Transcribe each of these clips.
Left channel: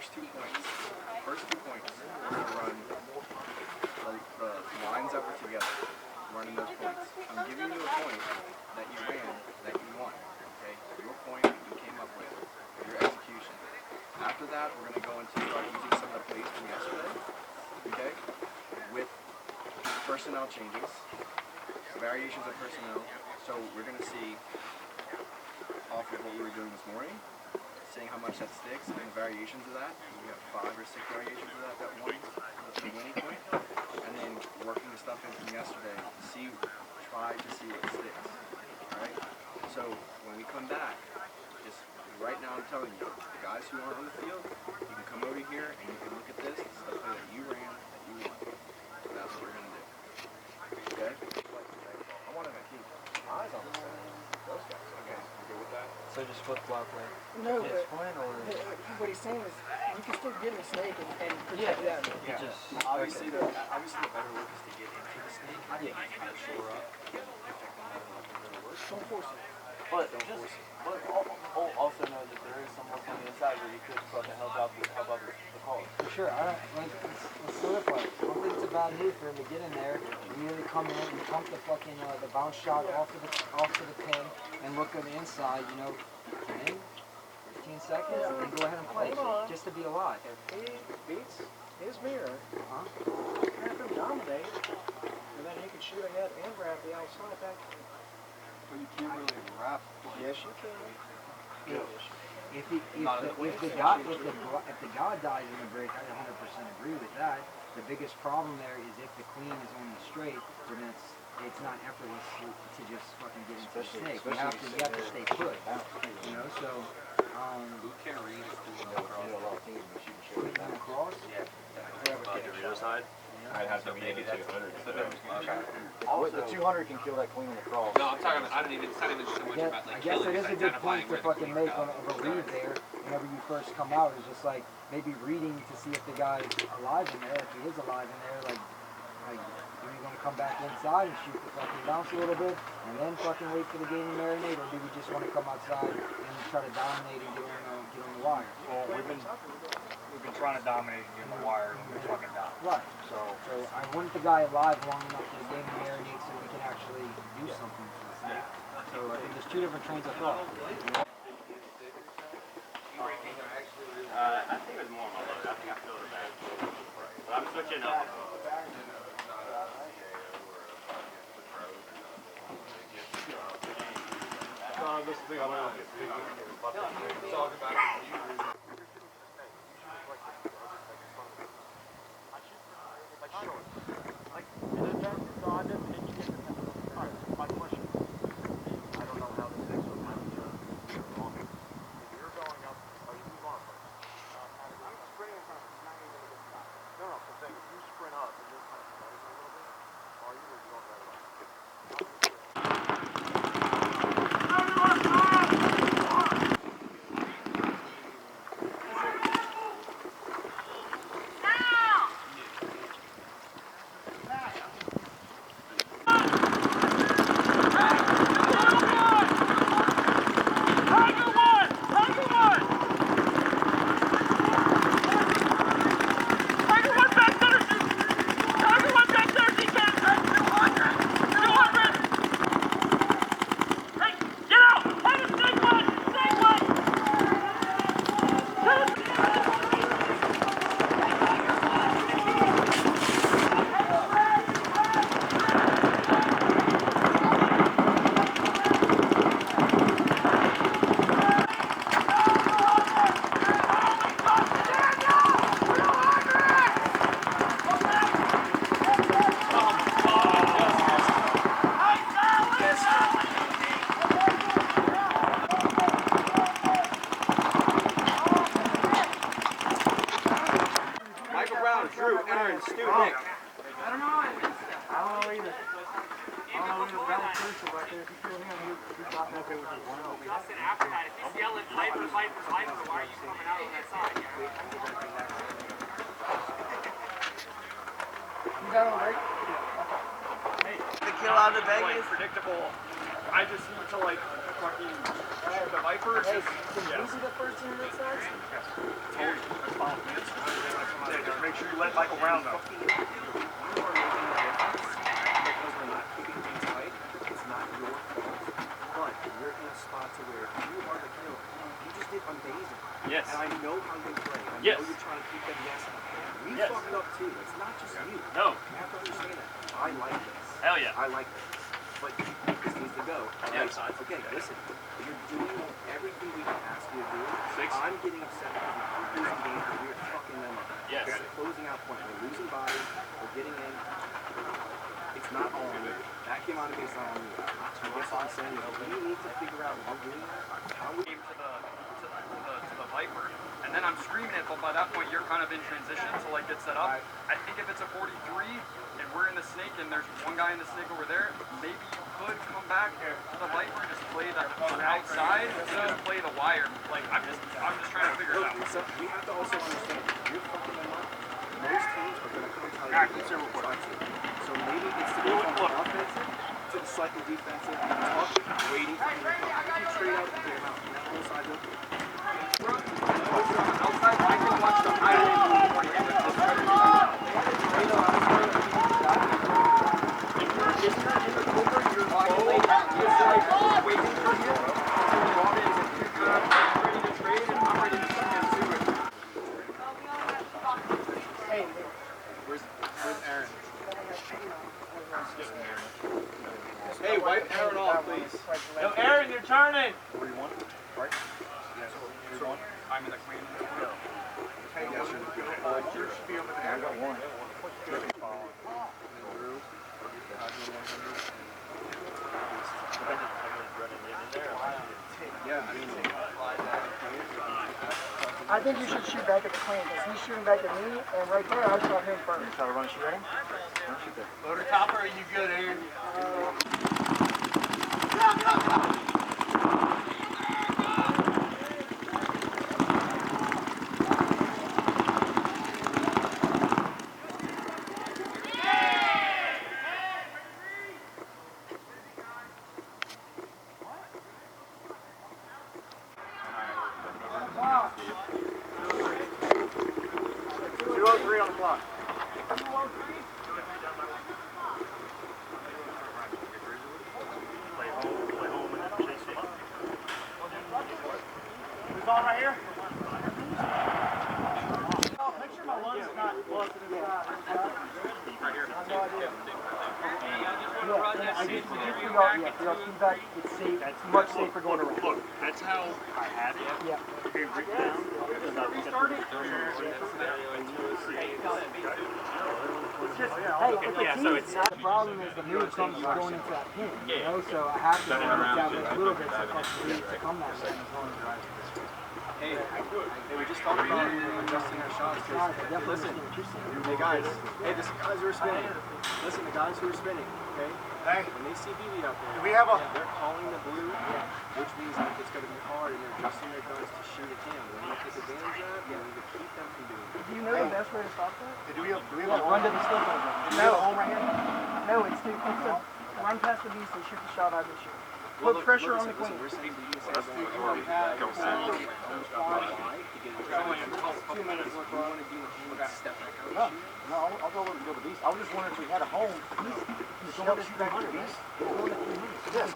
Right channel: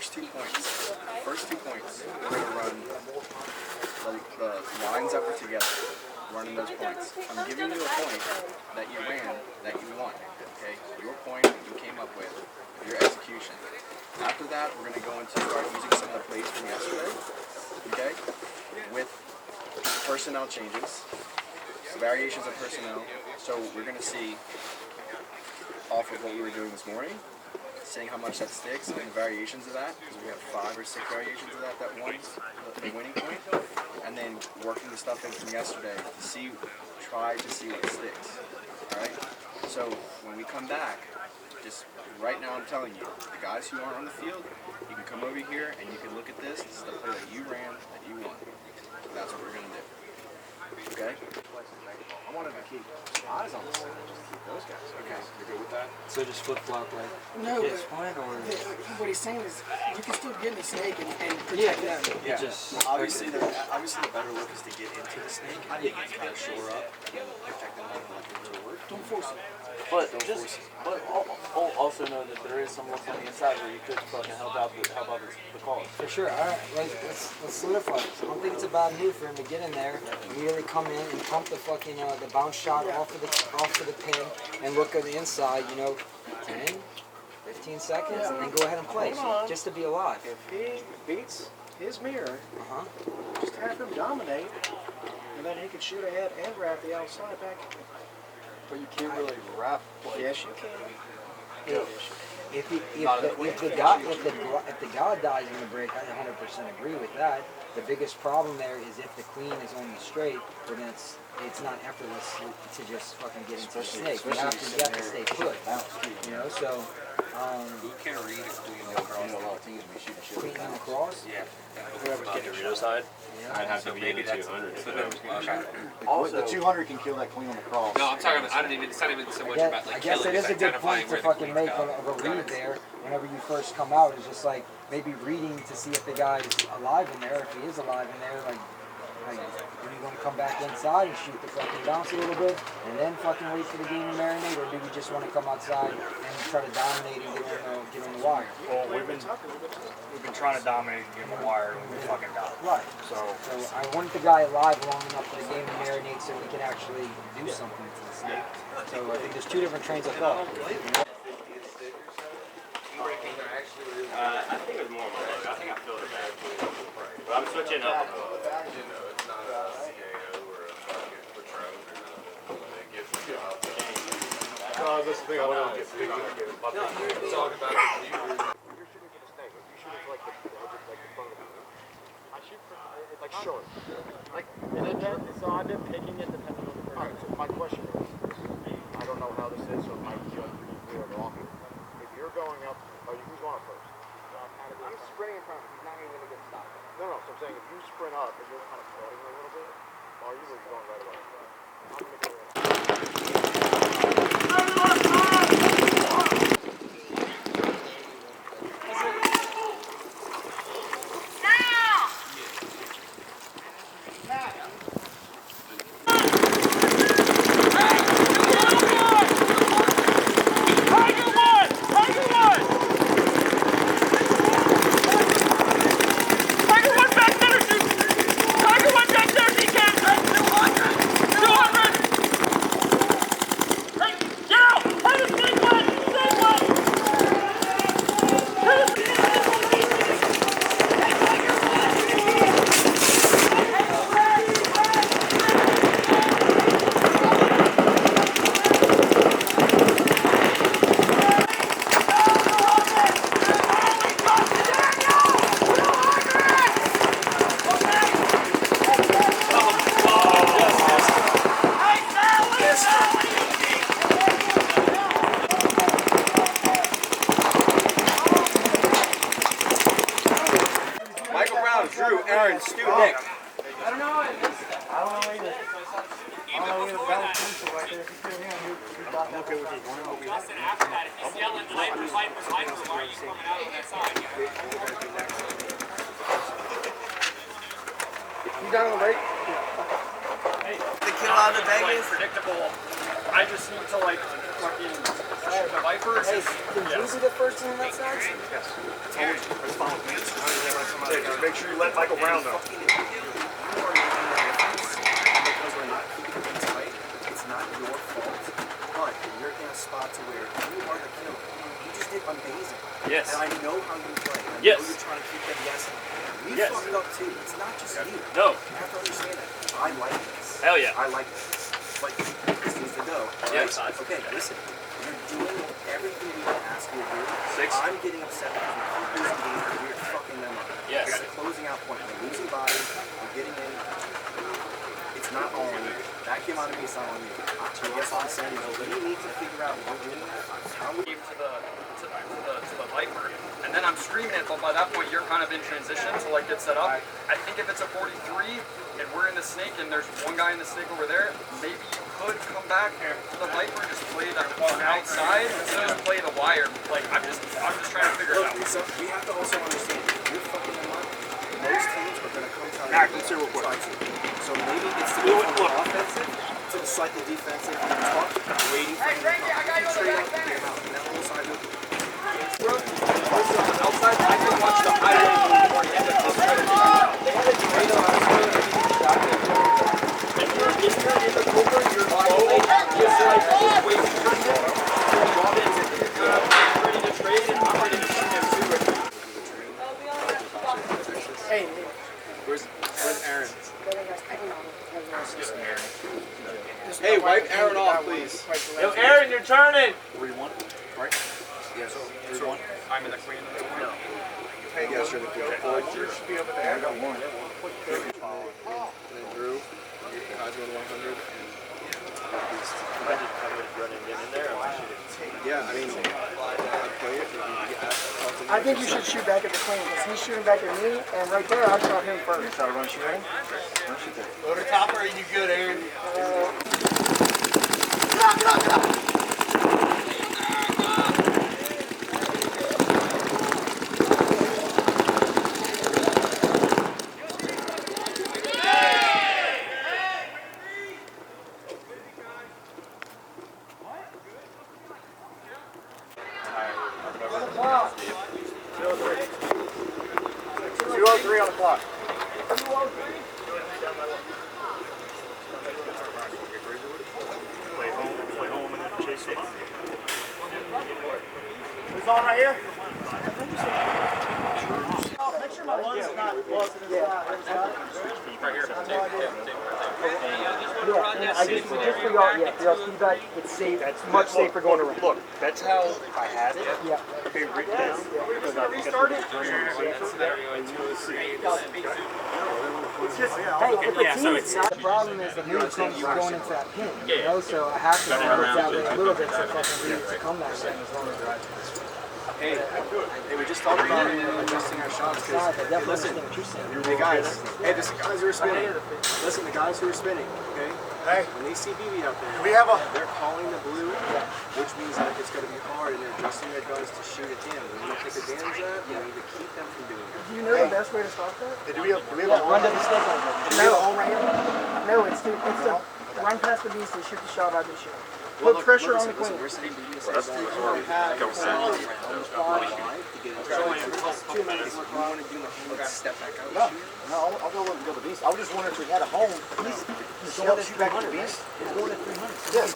first 2 points. First 2 points, we're going to run the lines that were together, running those points. I'm giving you a point that you ran, that you won. Okay? Your point you came up with, your execution. After that, we're going to go into start using some of the plays from yesterday, okay? With personnel changes, variations of personnel. So we're going to see off of what we were doing this morning, seeing how much that sticks and variations of that, because we have 5 or 6 variations of that won the winning point, and then working the stuff in from yesterday to try to see what sticks. All right. So when we come back, just right now, I'm telling you, the guys who aren't on the field, you can come over here and you can look at this. This is the play that you ran, that you won. So that's what we're gonna do. Okay. I wanted to keep eyes on those guys. Okay. You good with that? So just flip flop like No, this point, or what he's saying is you can still get in the snake and protect them. Yeah. just Obviously, the better look is to get into the snake and kind of shore up and protect them all forward. Don't force it. But also know that there is someone on the inside where you could fucking help out the call. For sure. All right, let's solidify this. I don't think it's a bad move for him to get in there, really come in and pump the fucking the bounce shot off of the pin and look on the inside. 10, 15 seconds, and then go ahead and play. So just to be alive. If he beats his mirror, just have him dominate, and then he can shoot ahead and grab the outside back. But you can't really wrap. Yes, you can. If the guy dies in the break, I 100% agree with that. The biggest problem there is if the queen is on the straight, well then it's not effortless to just fucking get into the snake. You have to stay put. So. Who can read a queen across the whole team? We shoot Queen across? Yeah. Whoever's getting the side. I'd have to make it 200. Also, the 200 can kill that queen on the cross. No, I'm talking about, it's not even so much about like I guess killing, it is a good identifying point to where the fucking queen's make going. of a read there whenever you first come out. It's just like maybe reading to see if the guy is alive in there. If he is alive in there, like are you going to come back inside and shoot the fucking bounce a little bit and then fucking wait for the game to marinate, or do you just want to come outside and try to dominate and get on the wire? Well, we've been trying to dominate and get on the wire and we fucking got it. Right. So I want the guy alive long enough for the game to marinate so we can actually do something to the snake. So I think there's 2 different trains of thought. I think it was more of a I think I feel it better. But I'm switching up. That's the thing I want to get big. Talk about it. Like short. Like it depends. So I've been picking it depending on the person. Alright, so my question is, I don't know how this is, so it might be good or wrong. If you're going up, who's going up first? I'm sprinting in front of him. He's not even going to get stopped. No, so I'm saying if you sprint up and you're kind of floating a little bit, are you going right away? I'm going to go right. Drew, Aaron, Stu, Nick. I don't know either. I don't know either balance crucial right there. If you feel him, I'm okay with it. Justin, after that, if he's yelling lifer, why are you coming out on that side? You down on the right? Hey, the kill out of Vegas. Predictable. I just need to fucking shoot the Viper. Hey, can you be the first one that starts? Make sure you let Michael Brown know. It's not your fault, but you're in a spot to where you are the killer. You just did amazing. Yes. And I know how you play. I Yes. know you're trying to keep them guessing. We Yes. fucked up too. It's not just you. No. You have to understand that. I like this. Hell yeah. I like this. But this needs to go. Yes. Okay, listen. You're doing everything we can ask you to do. 6. I'm getting upset because we keep losing games and we're fucking them up. Yes. It's the closing out point. We're losing bodies. We're getting in. It's not all on you. That came out of me, it's not on you. I guess what I'm saying is we need to figure out when we're doing that. How we To the Viper, and then I'm screaming it, but by that point you're kind of in transition to like get set up. I think if it's a 43 and we're in the snake and there's one guy in the snake over there, maybe you could come back to the Viper, just play the outside instead of play the wire. Like I'm just trying to figure it out. So we have to also understand if you're fucking them up, most teams are going to come try to. So maybe it's to go from the offensive to the slightly defensive, and talk, waiting for them to come. If you trade out, you get them out. And that whole side of it. Outside, I can watch the highlight or end up outside of the They had a tornado outside of the If you're in the cover, you're just like waiting for him. You're ready to trade, and I'm ready to shoot him too. Hey, Where's Aaron? just Hey, wipe Aaron off, please. Yo, Aaron, you're turning. 3-1, right? Yeah, so 3-1. I'm in the queen. No. Hey, you should be over there. I got one. And then Drew, guys on 100. Yeah, I mean, I think you should shoot back at the Queen because he's shooting back at me, and right there, I'll shot him first. Try to run shooting. Loader topper, are you good, Aaron? On the clock. Play home and chase it. Who's on right here? Make sure my one's not lost in his right here. Yeah, and I just for y'all feedback, it's safe. It's much safer going around. Look, that's how I had it. Yeah. Okay, written down. Because I Restart it. Hey, if the team's not, the problem is the move comes going into that pin. You know, so I have to work that way a little bit so fucking read to come that way as long as they're Hey, we just talked about adjusting our shots. Listen, hey guys, the guys who are spinning. Listen, the guys who are spinning, okay? Hey. When they see BB out there, we have a- they're calling the blue, which means that it's going to be hard, and they're adjusting their guns to shoot it in. We need to take advantage of that. We need to keep them from doing that. Do you know the best way to stop that? Do we have a Run to the snake over. Do we have a home right here? No, it's to run past the beast and shoot the shot I've been shooting. Well, Put pressure on the listen, Queen. we're saying BB is saying that we already have on the fly to get it. So it's 2 minutes. We want to do the whole step back out. No, I'll go with the beast. I was just wondering if we had a home. He's going to shoot back to the beast. He's going at 300. Yes.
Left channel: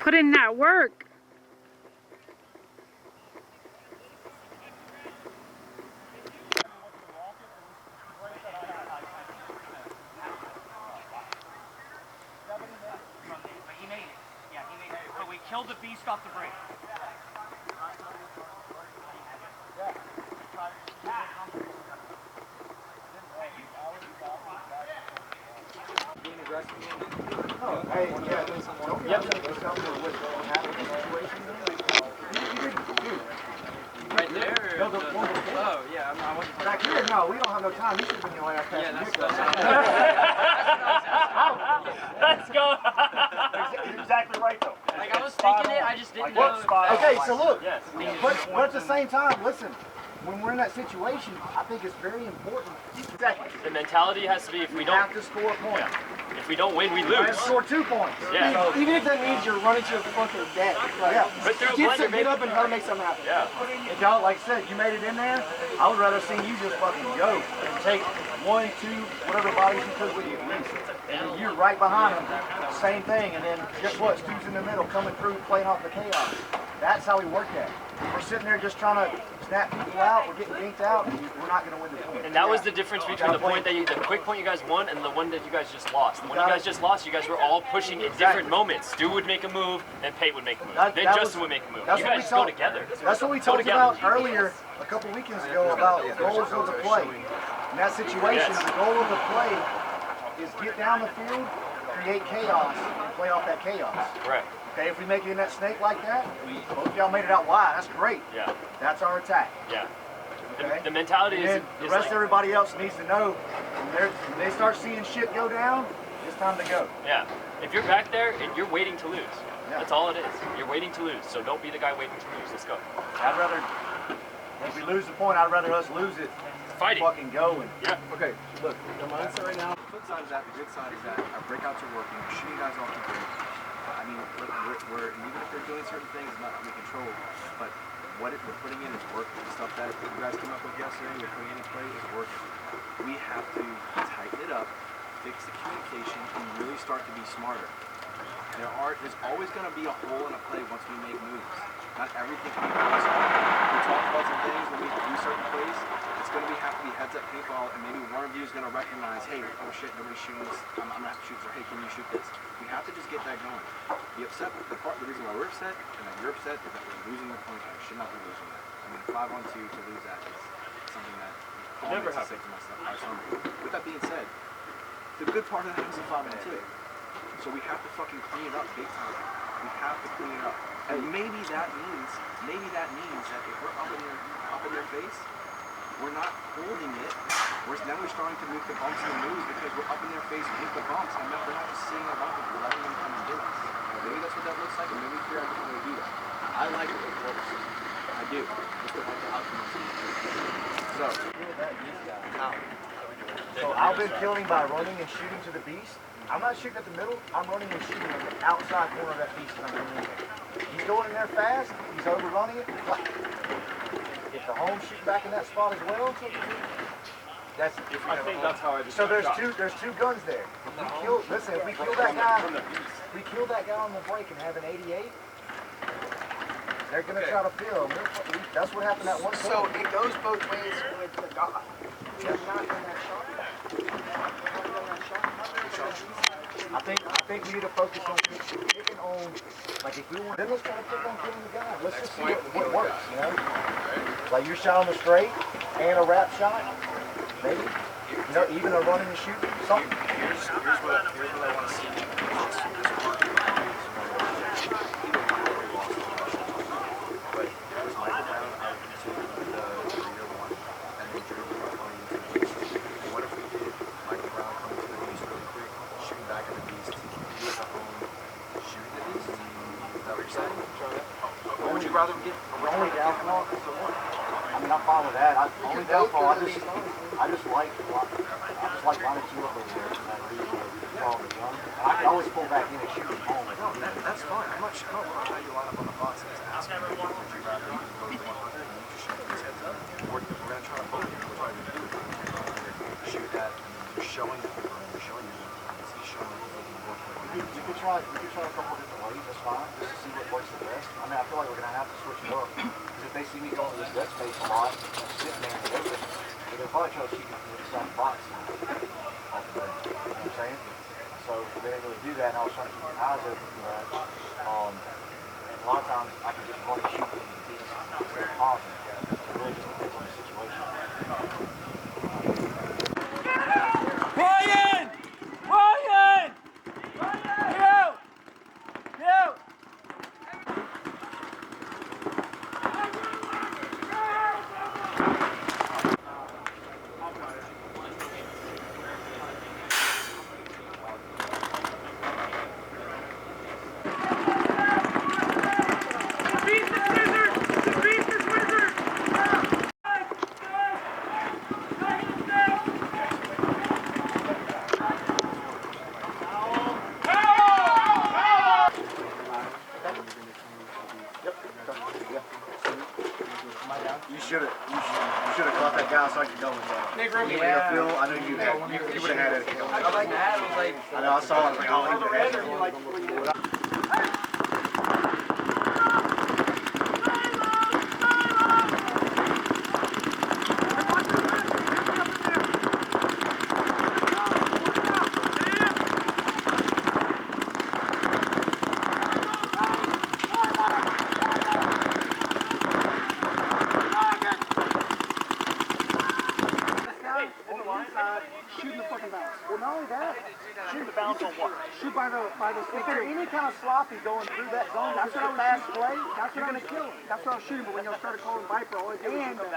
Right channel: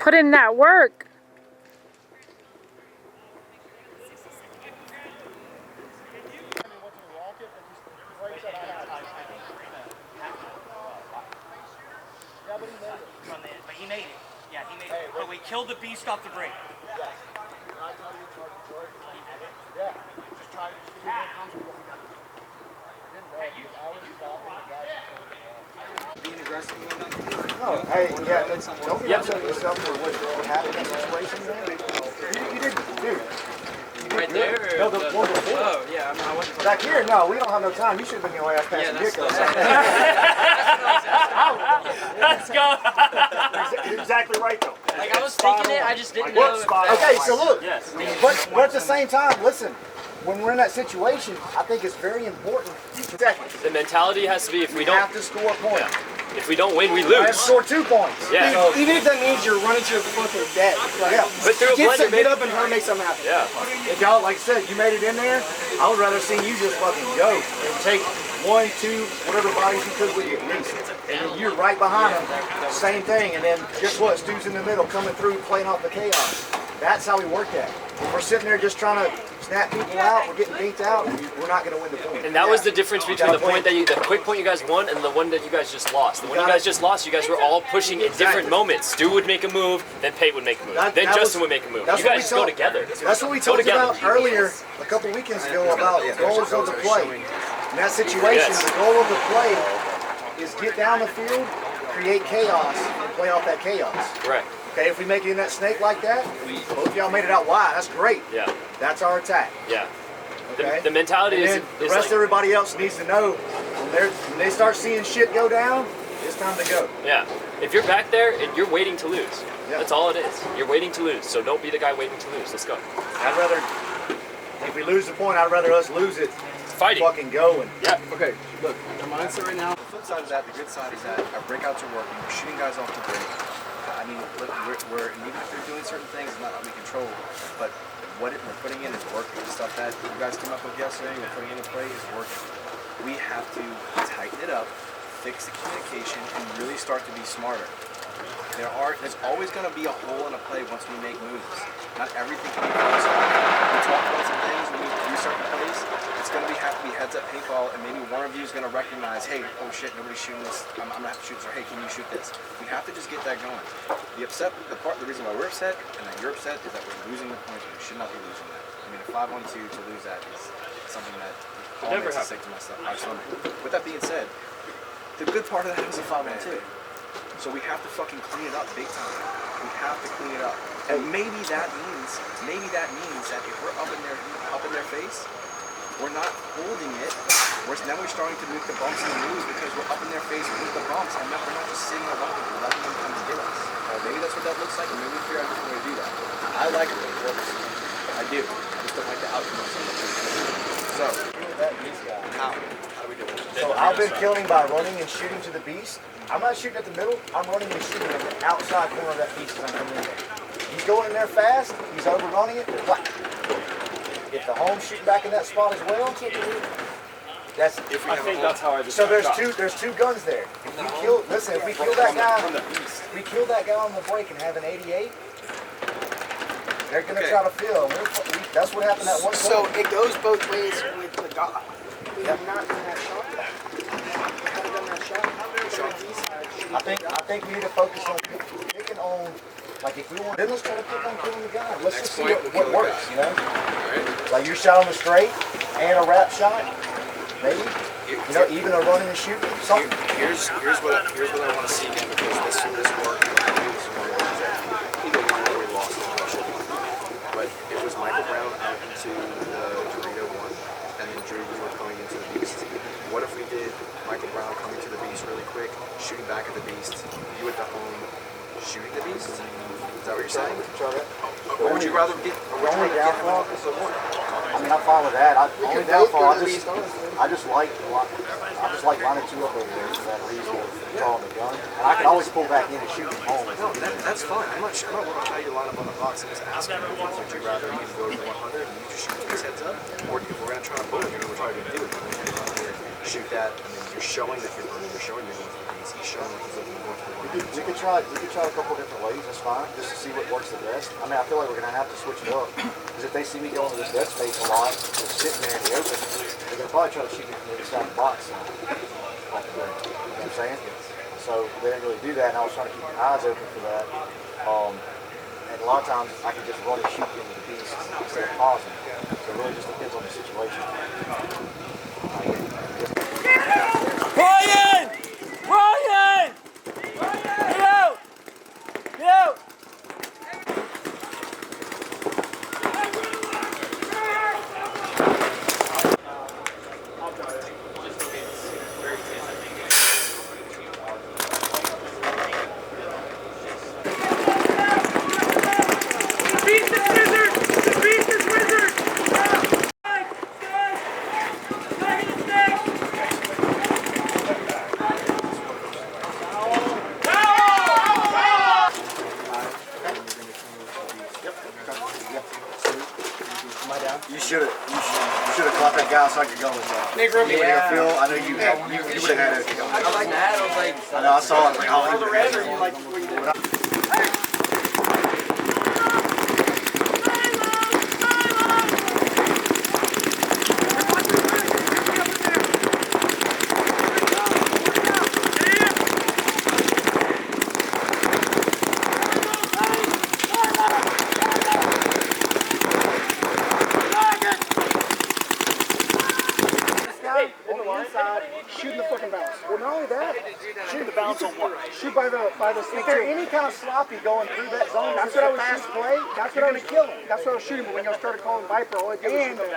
Put in that work. He made it. Yeah, he made it. But we killed the beast off the break. stressing me enough. No, hey, yeah, don't be upset with yourself for what happened in that situation, man. You didn't, dude. Right there? No, the one before. Oh, yeah, I wasn't Back here, no, we don't have no time. You should have been your ass passing dick. Let's go. You're exactly right, though. Like I was thinking it, I just didn't What know. spot? Okay, so look. Yes. But at the same time, listen. When we're in that situation, I think it's very important. Seconds. The mentality has to be if we We don't have to score a point. if we don't win, we We have to lose. score 2 points. Yeah. So, Even if that means you're running to your fucking death. Like, yeah. But through a blender, get up and try to make something happen. Yeah. If y'all, like I said, you made it in there, I would rather see you just fucking go and take 1, 2, whatever bodies you could with you at least. And then you're right behind them, same thing. And then guess what? Stu's in the middle, coming through, playing off the chaos. That's how we work that. If we're sitting there just trying to snap people out, we're getting beat out, we're not going to win the point. And that was the difference between the point that the quick point you guys won and the one that you guys just lost. The one you guys just lost, you guys were all pushing at different moments. Stu would make a move, then Pate would make a move, then Justin would make a move. You guys just go together. That's what we talked about earlier, a couple weekends ago, about goals of the play. In that situation, the goal of the play is get down the field, create chaos, and play off that chaos. Right. Okay, if we make it in that snake like that, both of y'all made it out wide, that's great. Yeah. That's our attack. Yeah. Okay? The mentality And is, then the is rest like, of everybody else needs to know when they start seeing shit go down, it's time to go. yeah. If you're back there and you're waiting to lose, Yeah. that's all it is. You're waiting to lose, so don't be the guy waiting to lose. Let's go. I'd rather, if we lose the point, I'd rather us lose it. Fighting. Fucking go and Yeah. Okay, look, the mindset right now. The flip side of that, the good side is that our breakouts are working. We're shooting guys off the break. I mean, we're even if we're doing certain things, it's not that we control, but what we're putting in is working. The stuff that you guys came up with yesterday and we're putting into play is working. We have to tighten it up, fix the communication, and really start to be smarter. There's always going to be a hole in a play once we make moves. Not everything can be focused on. We talk about some things when we do certain plays. It's going to have to be heads up paintball, and maybe one of you is going to recognize, hey, oh shit, nobody's shooting this. I'm going to have to shoot this. Or hey, can you shoot this? We have to just get that going. The reason why we're upset and that you're upset is that we're losing the points. We should not be losing that. I mean, a 5-1-2 to lose that is something that never makes us sick to my stomach. With that being said, the good part of that was a 5-1-2. So we have to fucking clean it up big time. We have to clean it up. And maybe that means that if we're up in their face, we're not holding it. Now we're starting to make the bumps and the moves because we're up in their face with the bumps, and we're not just sitting around and letting them come and get us. Maybe that's what that looks like, and maybe we figure out a different way to do that. I like it when it works. I do. I just don't like the outcome of some of it. So, how do we do it? so I've been killing by running and shooting to the beast. I'm not shooting at the middle, I'm running and shooting at the outside corner of that beast as I'm coming in there. He's going in there fast, he's overrunning it, whack. If the home's shooting back in that spot as well, that's I think that's how I just so there's two guns there. If we kill that guy From the beast. we kill that guy on the break and have an 88, they're gonna try to fill. That's what happened at one So point. it goes both ways with the dog. We have not done that shot yet. We haven't done that shot. I think we need to focus on picking on, like if we want, then let's try to pick on killing the guy. Let's just see what works, you know? Like your shot on the straight and a wrap shot, maybe. You know, even a running and shooting, something. Here's what I want to see again, because this worked. Either one where we lost but it was Michael Brown out into the Dorito one, and then Drew were coming into the beast. What if we did Michael Brown coming to the beast really quick, shooting back at the beast, you at the home, shooting the beast? Is that what you're saying? Try that. Or would you rather get? Only downfall? I mean, I'm fine with that. Only downfall, I just like lining two up over there for that reason of drawing the gun. And I can always pull back in and shoot from home. No, that's fine. I'm not going to tell you to line up on the box and just ask you, would you rather you go to the 100 and you just shoot his heads up? Or if we're going to try to bully him, we're probably going to do it. Shoot that, and then you're showing that you're running, you're showing you're going to the he's showing that he's looking to go for the We could try a couple different ways, it's fine, just to see what works the best. I mean, I feel like we're going to have to switch it up. Because if they see me going to this dead space a lot, just sitting there in the open, they're going to probably try to shoot me from the other side of the box. You know what I'm saying? So they didn't really do that, and I was trying to keep my eyes open for that. And a lot of times I can just run and shoot into the beast instead of pausing. So it really just depends on the situation. Brian! Brian! that guy outside your gun was out. Yeah. Phil, I know you would have had it. I like that. I was like, I know, I saw it. Like, I'll leave your answer. Shooting the fucking bounce. Well, not only that, shoot the bounce on what? Shoot by the If they're any kind of sloppy going through that zone, that's what I was fast play. That's what I was kill him. That's what I was shooting. But when y'all started calling Viper, all I did was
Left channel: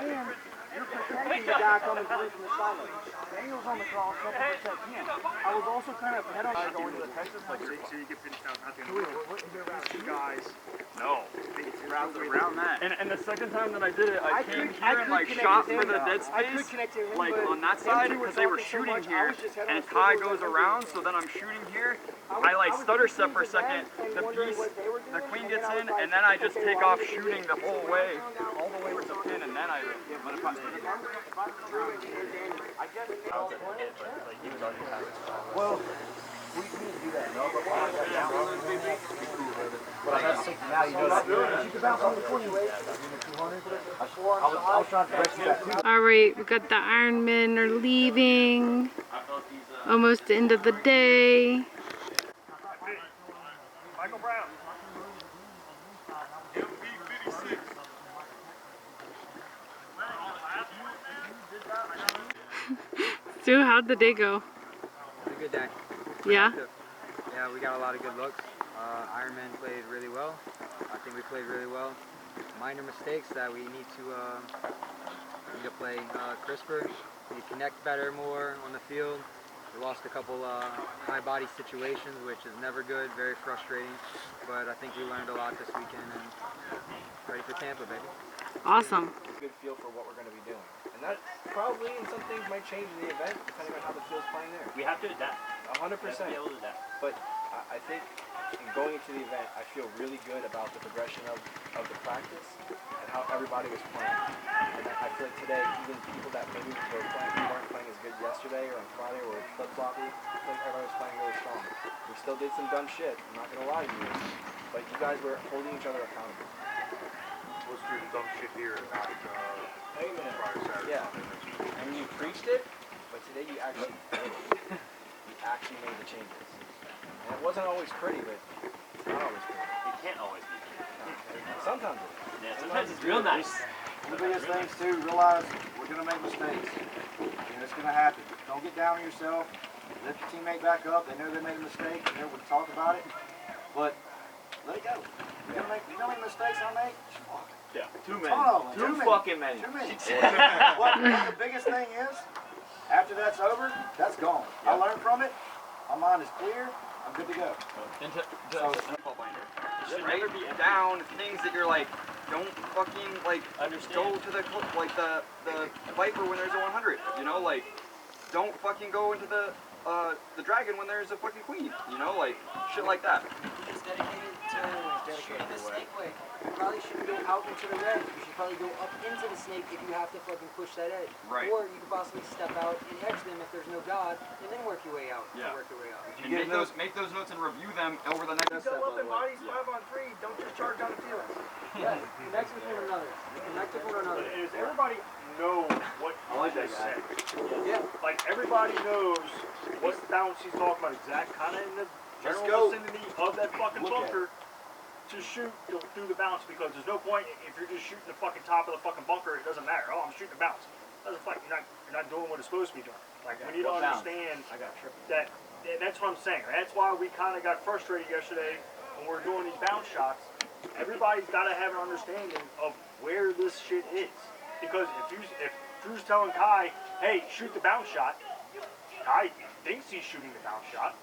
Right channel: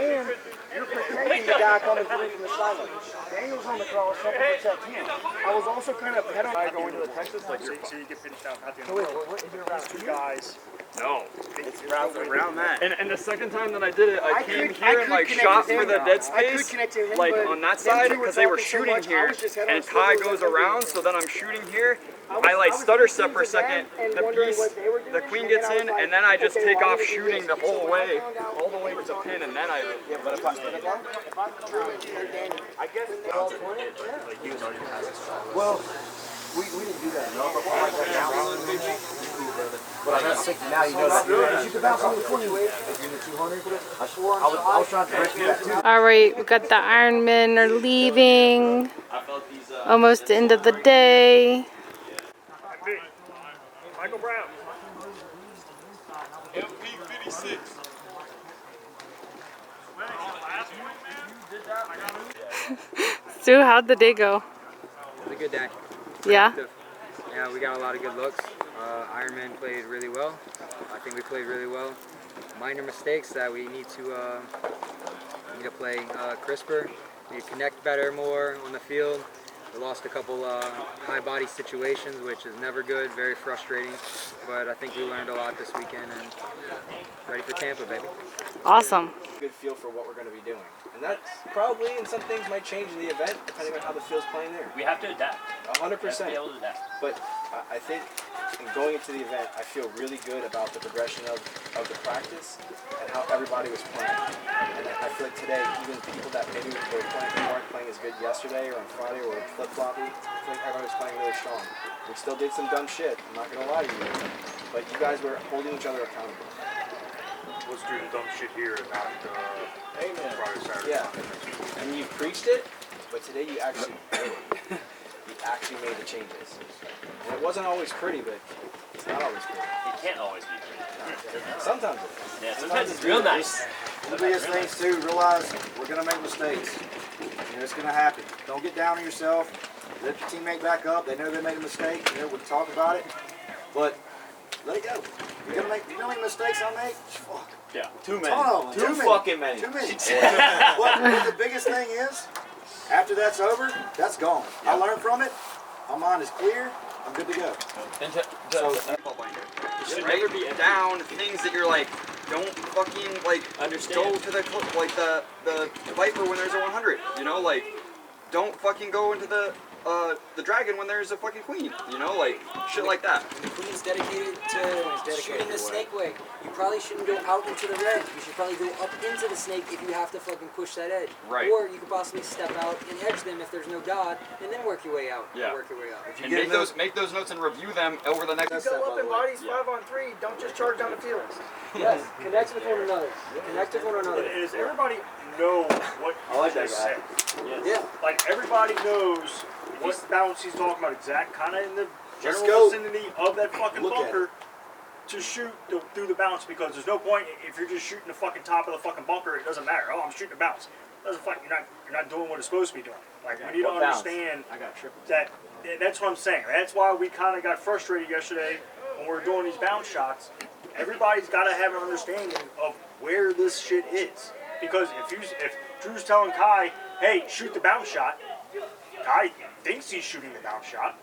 and you're protecting the guy coming through from the sideline. Daniel's on the cross, helping protect him. I was also kind of ahead of Going to the Texas, like so you get finished out at the end of the road. These two guys. No, it's around that. And the second time that I did it, I came here and like shot for the dead space, like on that side, because they were shooting here, and Kai goes around, so then I'm shooting here. I like stutter step for a second, the queen gets in, and then I just take off shooting the whole way, all the way to the pin, and then I. Well, we didn't do that. Well, I got 60 now, you know that. You can bounce on the 20 wave. I was trying to correct you that too. All right, we got the Ironmen are leaving. Almost the end of the day. Michael Brown. MP56. Stu, how'd the day go? it was a good day. Yeah? Yeah, we got a lot of good looks. Ironman played really well. I think we played really well. Minor mistakes that we need to play crisper. We need to connect better more on the field. We lost a couple high body situations, which is never good, very frustrating. But I think we learned a lot this weekend and ready for Tampa, baby. Awesome. Good feel for what we're going to be doing. And that probably, and some things might change in the event depending on how the field's playing there. We have to adapt. 100%. We have to be able to adapt. But I think in going into the event, I feel really good about the progression of the practice and how everybody was playing. And I feel like today, even people that maybe weren't playing as good yesterday or on Friday or flip-floppy, I feel like everybody was playing really strong. We still did some dumb shit, I'm not going to lie to you. But you guys were holding each other accountable. Let's do the dumb shit here and not Amen. Yeah. And you preached it, but today you actually did it. You actually made the changes. And it wasn't always pretty, but it's not always pretty. It can't always be pretty. Sometimes it is. Yeah, sometimes it's real nice. The biggest things too, realize we're going to make mistakes. And it's going to happen. Don't get down on yourself. Let your teammate back up. They know they made a mistake. You know, we talk about it. But let it go. You're going to make, you know how many mistakes I make? Fuck. Yeah. Too many. Too fucking many. Too many. What the biggest thing is, after that's over, that's gone. I learned from it. My mind is clear. I'm good to go. You should never be down things that you're like, don't fucking like Understand. go to the Viper when there's a 100. You know, like don't fucking go into the dragon when there's a fucking queen. You know, like shit like that. The queen's dedicated to shooting the snake way. You probably shouldn't go out into the red. You should probably go up into the snake if you have to fucking push that edge. Right. Or you could possibly step out and edge them if there's no god, and then work your way out. Yeah. Work your way out. And make those notes and review them over the next. Go up in bodies 5-on-3. Don't just charge down the field. Yes, connect with one another. Connect with one another. Does everybody know what you just said? Yeah. Like everybody knows what bounce he's talking about exact, kind of in the Let's general go. vicinity of that fucking Look at bunker to shoot through the bounce, because there's no point if you're just shooting the fucking top of the fucking bunker. It doesn't matter. Oh, I'm shooting a bounce. Doesn't fucking you're not doing what it's supposed to be doing. Like when you don't understand that. That's what I'm saying. That's why we kind of got frustrated yesterday when we were doing these bounce shots. Everybody's got to have an understanding of where this shit is, because if Drew's telling Kai, hey, shoot the bounce shot, Kai thinks he's shooting the bounce shot.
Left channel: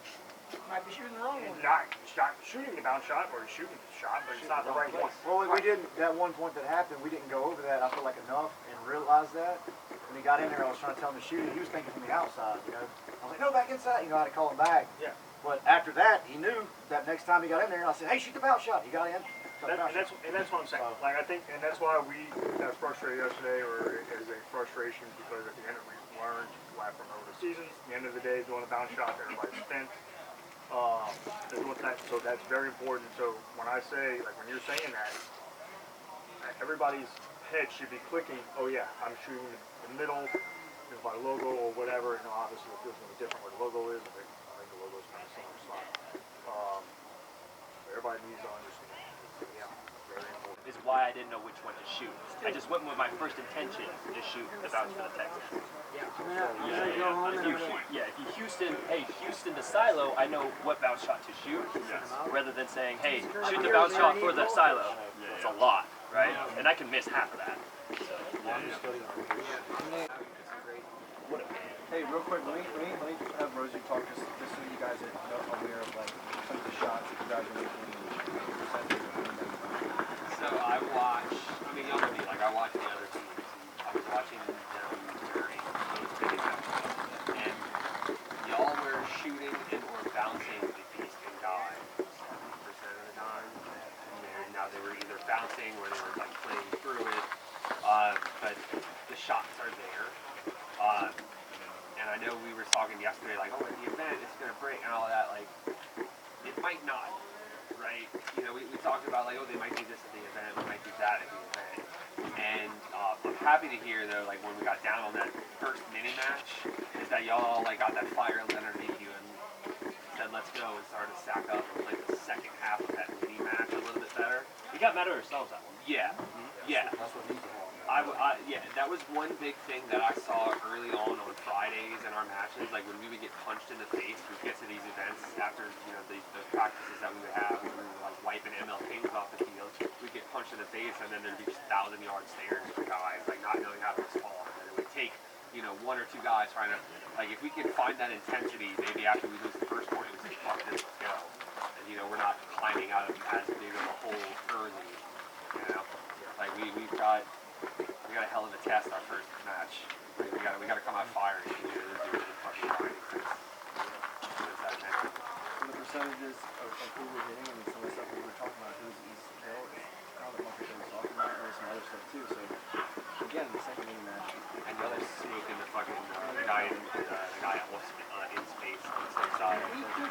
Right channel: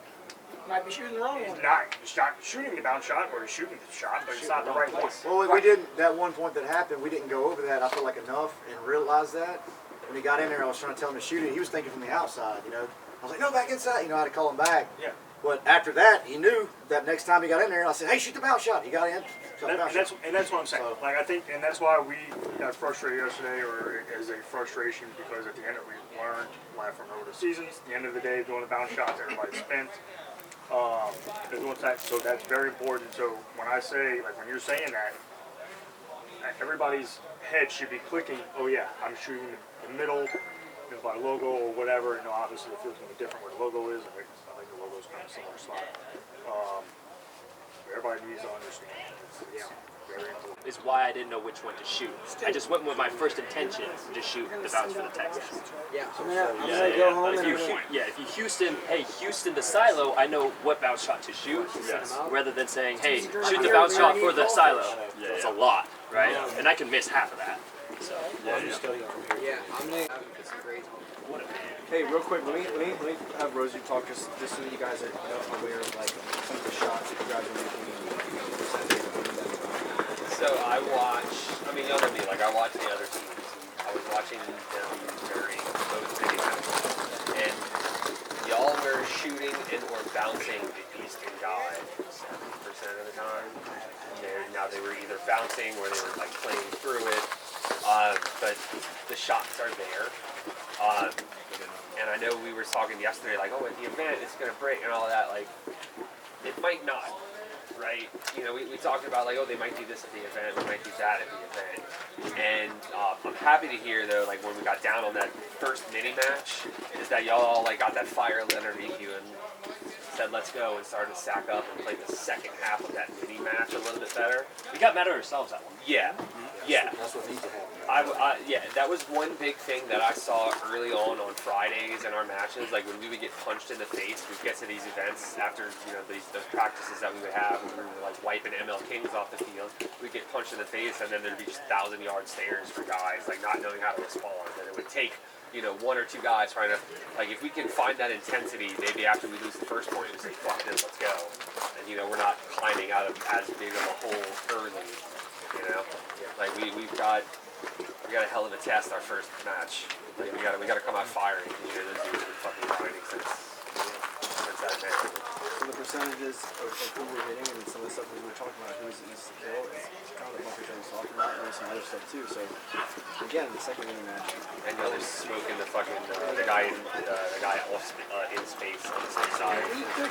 Might be shooting the wrong one. He's not shooting the bounce shot, or he's shooting the shot, but it's not the right one. Well, we didn't, that one point that happened, we didn't go over that, I feel like enough, and realized that. When he got in there, I was trying to tell him to shoot it. He was thinking from the outside, you know. I was like, no, back inside. You know, I had to call him back. Yeah. But after that, he knew that next time he got in there, I said, hey, shoot the bounce shot. He got in. And that's what I'm saying. Like I think, and that's why we got frustrated yesterday, or as a frustration, because at the end of we learned from over the seasons. At the end of the day, doing the bounce shots, everybody's spent. They're doing that, so that's very important. So when I say, like when you're saying that, everybody's head should be clicking. Oh yeah, I'm shooting the middle, by logo or whatever. And obviously it feels going to be different where the logo is. I think the logo's kind of similar slot. Everybody needs to understand. It's very important. Is why I didn't know which one to shoot. I just went with my first intention to shoot the bounce for the Texans. Yeah, I'm gonna go home and if you Houston to silo, I know what bounce shot to shoot, rather than saying, hey, shoot the bounce shot for the silo. It's a lot, right? And I can miss half of that. So I'm gonna put some grades on. What a man. Hey, real quick, let me have Rosie talk just so you guys are aware of like some of the shots that you guys are making. So I watch. I mean, y'all know me. Like I watch the other teams. I was watching them during those big matches, and y'all were shooting and or bouncing the Eastern guy 70% of the time. Now they were either bouncing or they were like playing through it. But the shots are there. And I know we were talking yesterday, like, oh, at the event it's gonna break and all that. Like, it might not. Right? You know, we talked about like, oh, they might do this at the event, we might do that at the event. And I'm happy to hear though, like when we got down on that first mini match, is that y'all like got that fire underneath you and said let's go and started to sack up and play the second half of that mini match a little bit better. We got mad at ourselves that one. Yeah. Yeah. That's what needs to happen. Yeah, that was one big thing that I saw early on Fridays in our matches. Like when we would get punched in the face, we'd get to these events after those practices that we would have, and we were like wiping ML Kings off the field. We'd get punched in the face, and then there'd be just 1,000-yard stares for guys, like not knowing how to respond. And it would take one or two guys trying to, like if we can find that intensity, maybe after we lose the first point, we say fuck this, let's go. And we're not climbing out of as big of a hole early. Like we got a hell of a test our first match. Like we gotta come out firing. Those dudes have been fucking grinding since that match. So the percentages of who we're hitting and some of the stuff we were talking about, who's easy to kill, is kind of the bunkers that we're talking about, and there's some other stuff too. So again, the second mini match. And the other smoking the fucking the guy in space on the same side.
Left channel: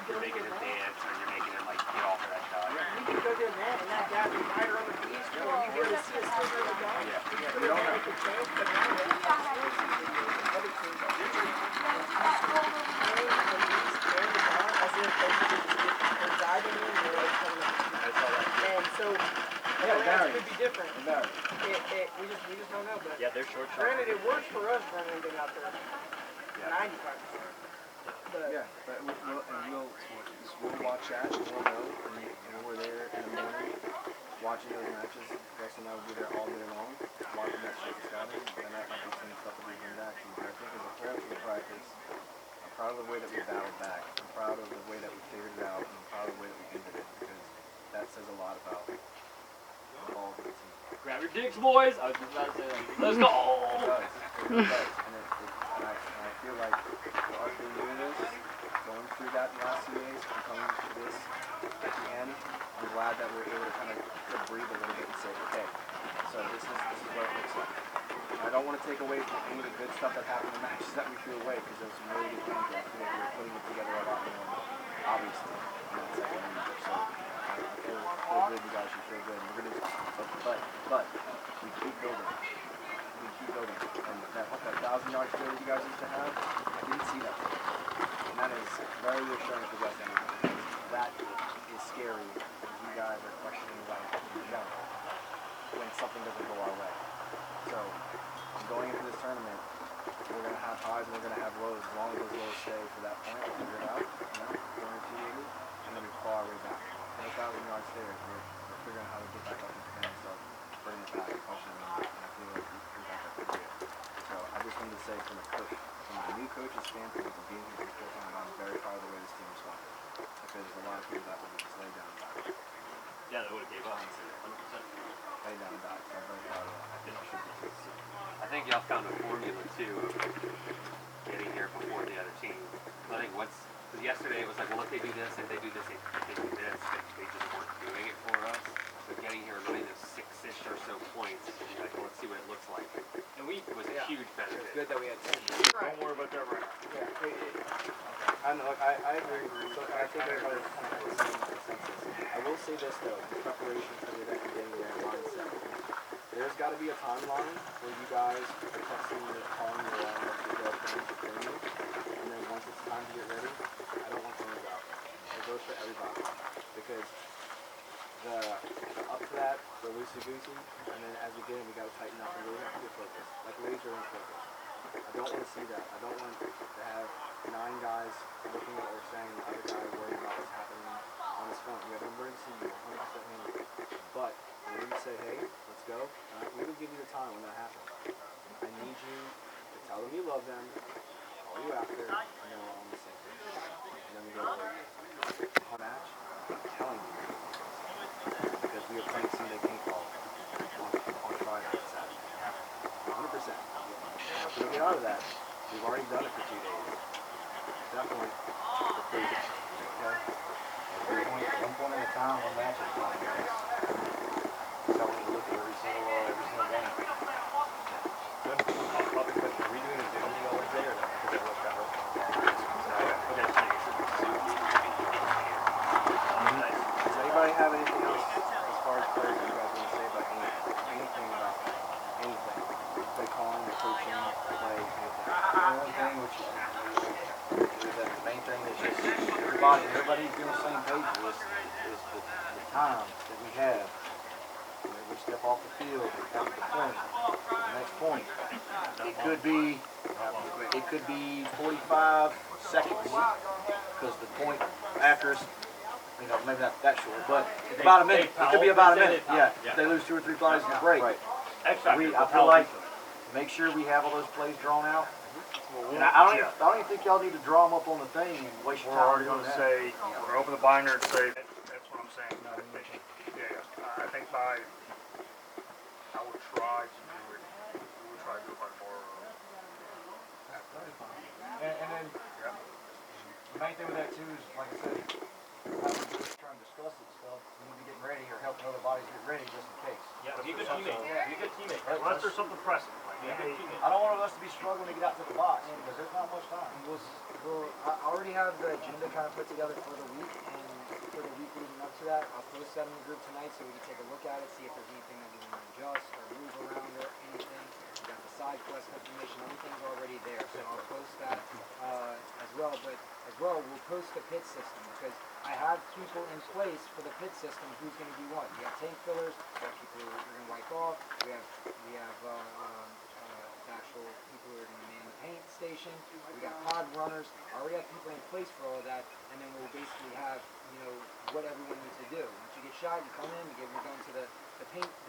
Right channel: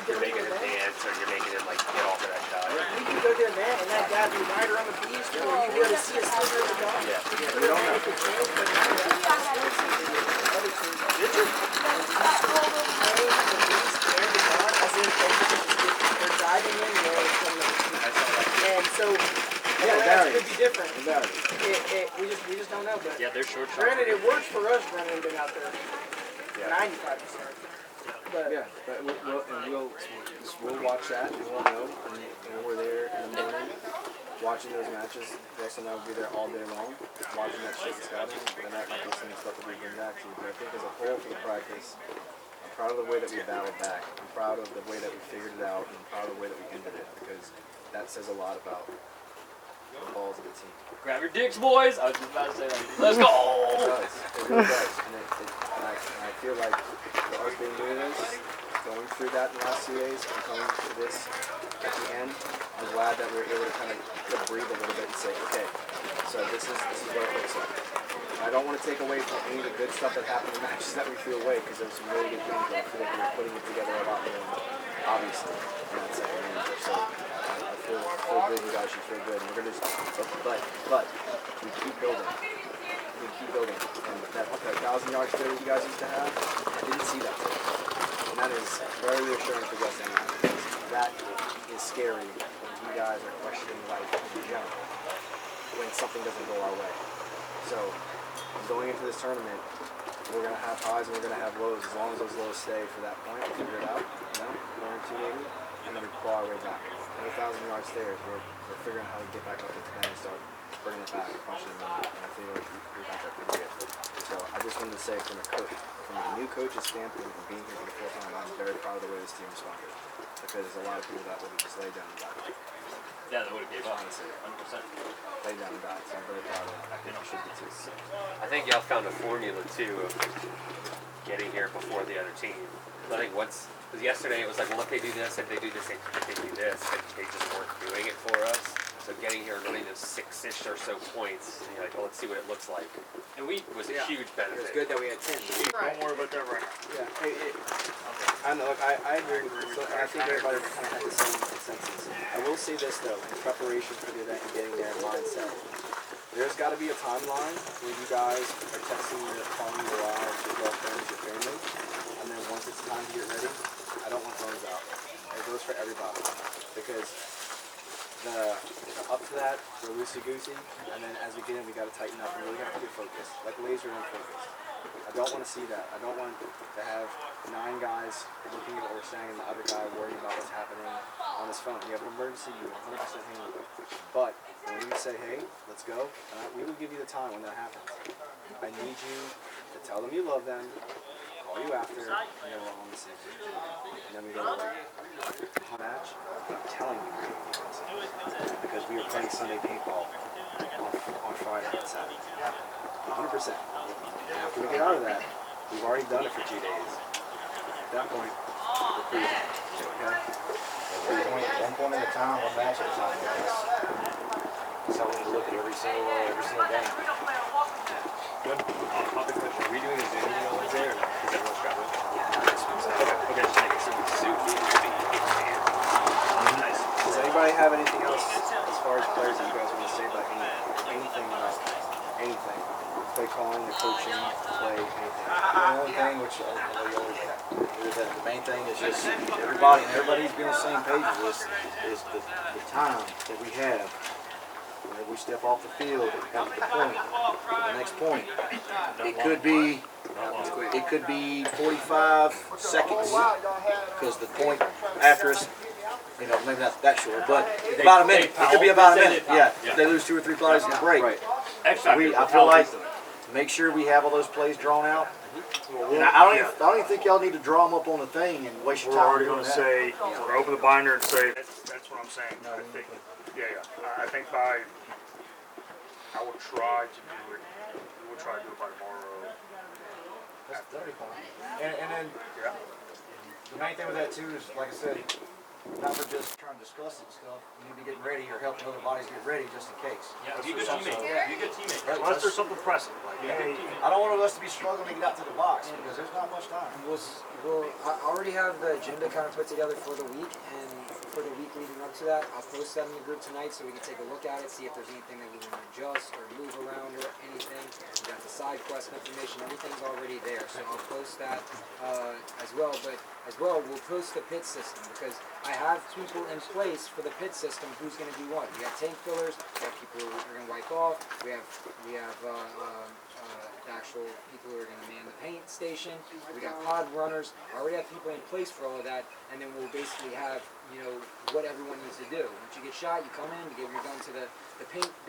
You're making him dance, or you're making him like get off of that guy. Yeah, you can go there, man, and that guy be right around the beast, or you be able to see a sliver of the dog. Yeah. We don't have to change, but and so that could be different. We just don't know. But yeah, they're short. Granted, it works for us running them out there. 95%. But we'll watch that and we'll know. And when we're there in the morning watching those matches, Wes and I will be there all day long watching that shit and scouting. And that might be some stuff that we bring back to you. But I think as a whole for the practice, I'm proud of the way that we battled back. I'm proud of the way that we figured it out, and I'm proud of the way that we ended it, because that says a lot about the balls of the team. Grab your dicks, boys! I was just about to say that. Let's go! It does. It really does. And I feel like for us being new to this, going through that in the last 2 days, and coming to this at the end, I'm glad that we're able to kind of breathe a little bit and say, okay, so this is what it looks like. I don't want to take away from any of the good stuff that happened in matches that we feel away, because there was some really good games, but I feel like we were putting it together a lot more, obviously, in that second game. So I feel good, you guys should feel good. And we're going to but we keep building. We keep building. And that 1,000-yard stare that you guys used to have, I didn't see that today. And that is very reassuring for West End, because that is scary when you guys are questioning life in general when something doesn't go our way. So going into this tournament, we're going to have highs and we're going to have lows. As long as those lows stay for that point, we'll figure it out, 1 or 2 maybe, and then we claw our way back. No 1,000-yard stairs, we're figuring out how to get back up into the and start bringing it back and punching them in, and I feel like we got that pretty good. So I just wanted to say from a new coach's standpoint, and being here for the 4th time, I'm very proud of the way this team responded, because there's a lot of people that would have just laid down and died. Yeah, they would have gave up. Honestly, 100%. Laid down and died, so I'm very proud of that. I think I should be too. I think y'all found a formula too of getting here before the other team. I think because yesterday it was like, well, if they do this, if they do this, if they do this, and they just weren't doing it for us. So getting here and running those 6-ish or so points, you're like, well, let's see what it looks like. And we was a huge benefit. It's good that we had 10. Don't worry about that right now. Yeah. I know. I agree. So I think everybody kind of had the same consensus. I will say this though, in preparation for the event and getting there in mindset, there's got to be a timeline where you guys are texting your, calling your wives, your girlfriends, your family, and then once it's time to get ready, I don't want phones out. It goes for everybody because the up to that, we're loosey-goosey, and then as we get in, we got to tighten up and really have to get focused, like laser in focus. I don't want to see that. I don't want to have 9 guys looking at what we're saying and the other guy worrying about what's happening on his phone. You have an emergency, you 100% handle it. But when we say, hey, let's go, and we will give you the time when that happens. I need you to tell them you love them, call you after, and then we're all on the same page. And then we go to work. Match, I'm telling you, because we were playing Sunday paintball on Friday and Saturday. 100%. After we get out of that, we've already done it for 2 days. At that point, we're cruising. Okay? One point at a time, one match at a time. That's how we look at every single game. Good. I'll be quick. Are we doing a Zoom meeting on Wednesday or not? Because everyone's got it. Okay, just make it Zoom meeting. Nice. Does anybody have anything else as far as players that you guys want to say about anything about anything? Play calling, the coaching, play anything. The only thing which the main thing is just everybody's been on the same page with this is the time that we have. And if we step off the field and come to the point, the next point, it could be 45 seconds because the point after us, you know, maybe not that short, but about a minute. It could be about a minute. Yeah, if they lose 2 or 3 bodies in the break. Right. So I feel like make sure we have all those plays drawn out. And I don't even think y'all need to draw them up on the thing and waste your time. We're already going to say, we're going to open the binder and say, that's what I'm saying. I think, I think I will try to do it. We will try to do it by tomorrow. That'll be fine. And then the main thing with that too is, like I said, not for just trying to discuss it stuff. We need to be getting ready or helping other bodies get ready just in case. Yeah, be a good teammate. Be a good teammate. Unless there's something pressing. Like, hey, I don't want us to be struggling to get out to the box because there's not much time. Well, I already have the agenda kind of put together for the week, and for the week leading up to that, I'll post that in the group tonight so we can take a look at it, see if there's anything that we want to adjust or move around or anything. We got the side quest information, everything's already there, so I'll post that as well. But as well, we'll post the pit system because I have people in place for the pit system. Who's going to be what? We got tank fillers. We have people who are going to wipe off. We have the actual people who are going to man the paint station. We got pod runners. I already have people in place for all of that, and then we'll basically have what everyone needs to do. Once you get shot, you come in, you give your gun to the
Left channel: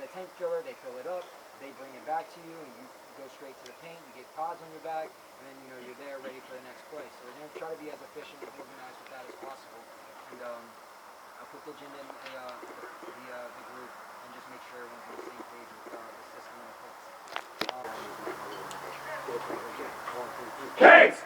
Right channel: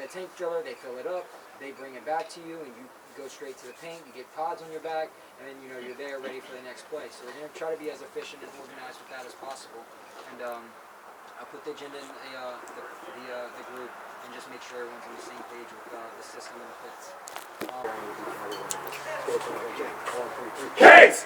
tank filler. They fill it up. They bring it back to you, and you go straight to the paint. You get pods on your back, and then you're there ready for the next play. So we're going to try to be as efficient and organized with that as possible. And I'll put the agenda in the group and just make sure everyone's on the same page with the system and the pits. Case!